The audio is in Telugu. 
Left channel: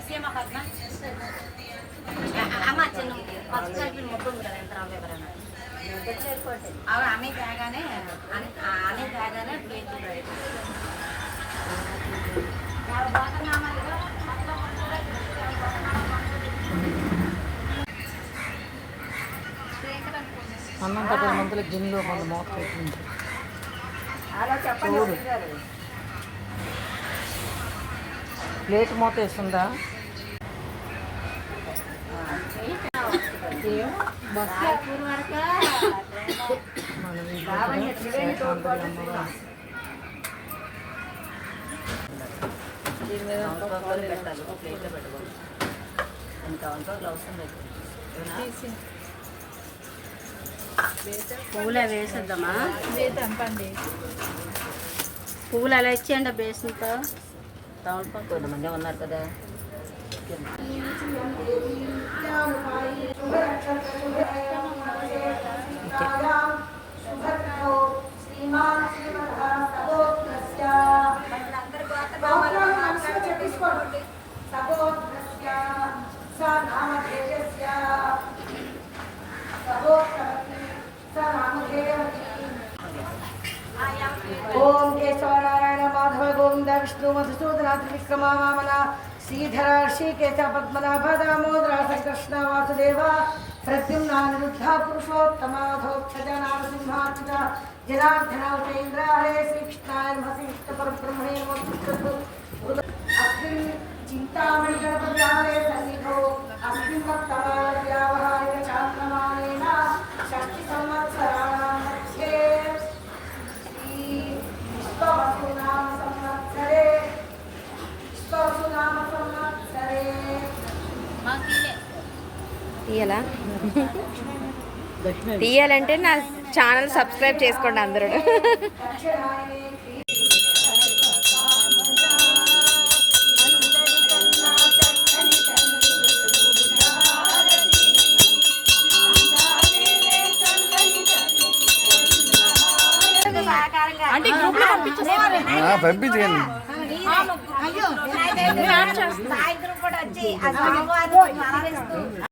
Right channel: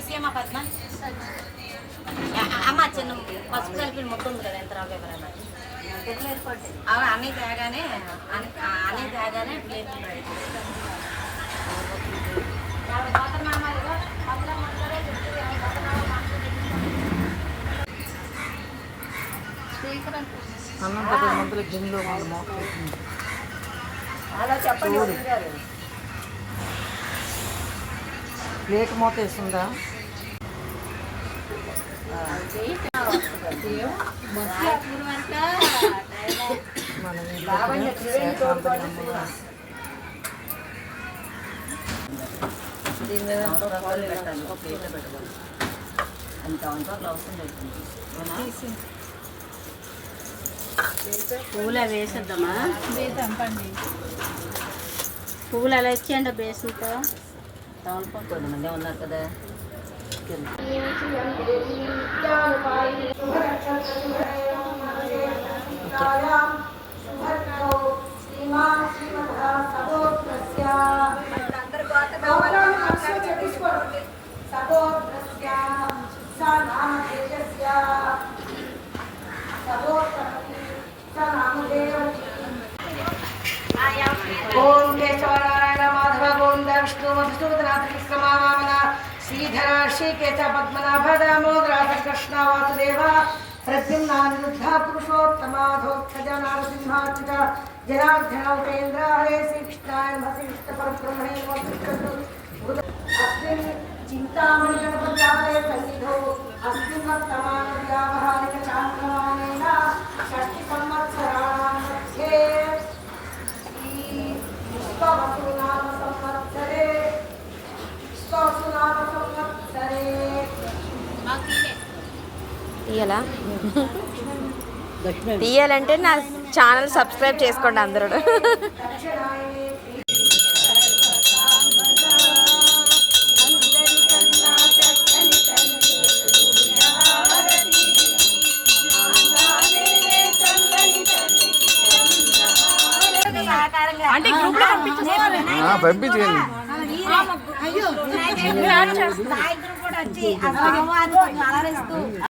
సీమ పద్మ అమ్మ చిన్న పసుపు కలిపి మొక్క ఉంది కదా ఎంత ఎక్కడ అవి అన్నీ తేగానే అన్ని- తేగానే పక్కన మందులు వాళ్ళు చెప్పండి చూడు. ప్లేట్ మూత అవసరం లేదు పువ్వులు అవి వేసేద్దామా? పువ్వులు అలా ఇచ్చేయండి బేసన్తో. tahun pak, kau dah menjawab nak kada. विष्णुमधुसूदनाथविक्रमावामना श्रीधरा श्रीकेशपद्मनाभदामोदरा Krishna Vasudeva प्रद्युम्नानिरुद्धा पुरुषोत्तमाधोत्थजा नारसिंहात्मिका Janardan Upendra हरे श्रीकृष्णाय नमः श्रीकृष्णपरब्रह्मणे नमः अस्मिन् चिन्तामणिगणपत्यालये सन्निधौ अस्मिन् वर्तमानव्यावहारिकचान्द्रमानेन षष्टिसंवत्सराणां मध्ये श्रीपुष्पवसु తీయాలా తీయాలంటే నా ఛానల్ సబ్స్క్రైబ్ చేసుకోండి అందరూ అంటే గ్రూప్లో పంపించేయండి అయ్యో